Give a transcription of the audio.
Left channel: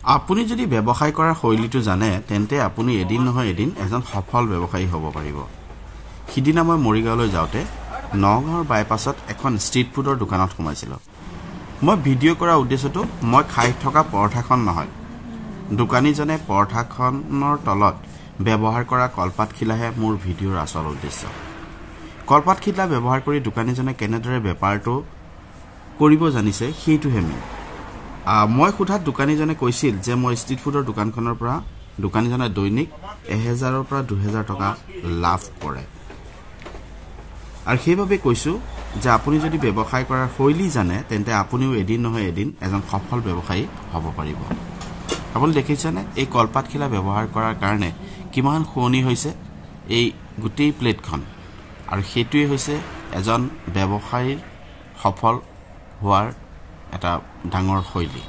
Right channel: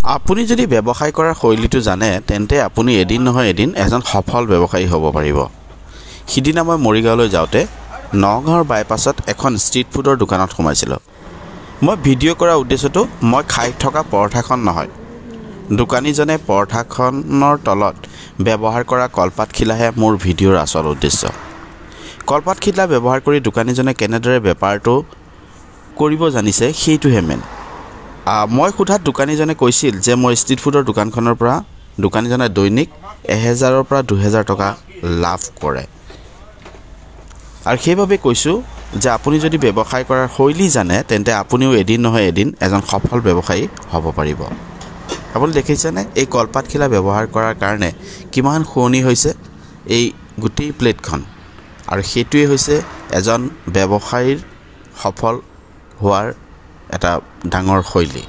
আপুনি যদি ব্যৱসায় কৰাৰ শৈলীটো জানে তেন্তে আপুনি এদিন নহয় এদিন এজন সফল ব্যৱসায়ী হ'ব পাৰিব। সিদিনা মই মৰিগাঁৱলৈ যাওঁতে নগাঁৱৰ বাইপাছত এখন ষ্ট্ৰীট ফুডৰ দোকানত সোমাইছিলোঁ। মই ভিডিঅ' কৰাৰ উদ্দেশ্যটো মই খাই থকা পৰঠাখন নহয়, দোকানীজনে পৰঠাখনৰ তলত ব্যৱহাৰ কৰা কলপাতখিলাহে মোৰ ভিডিঅ'ৰ আচল উদ্দেশ্য। কলপাতখিলা ব্যৱহাৰ কৰি দোকানীজনে কেনেদৰে বেপাৰটো কৰিব জানিছে সেইটোহে মেইন। মই সোধাত দোকানীজনে কৈছিল যে মই ষ্ট্ৰীট ফুডৰ দোকানখনৰ পৰা দোকানীজনে দৈনিক 1000ৰ পৰা 2000 টকা লাভ কৰে। আৰু সেইবাবে কৈছোঁ যে আপুনি যদি ব্যৱসায় কৰাৰ শৈলী জানে তেন্তে আপুনিও এদিন নহয় এদিন এজন সফল ব্যৱসায়ী হ'ব পাৰিব। আপুনি দেখিছেনে এই কলপাতখিলা ব্যৱহাৰ কৰাৰ কাৰণে কিমান শুৱনি হৈছে এই গোটেই প্লেটখন, আৰু সেইটোৱে হৈছে এজন ব্যৱসায়ীৰ সফল হোৱাৰ এটা ডাঙৰ শৈলী।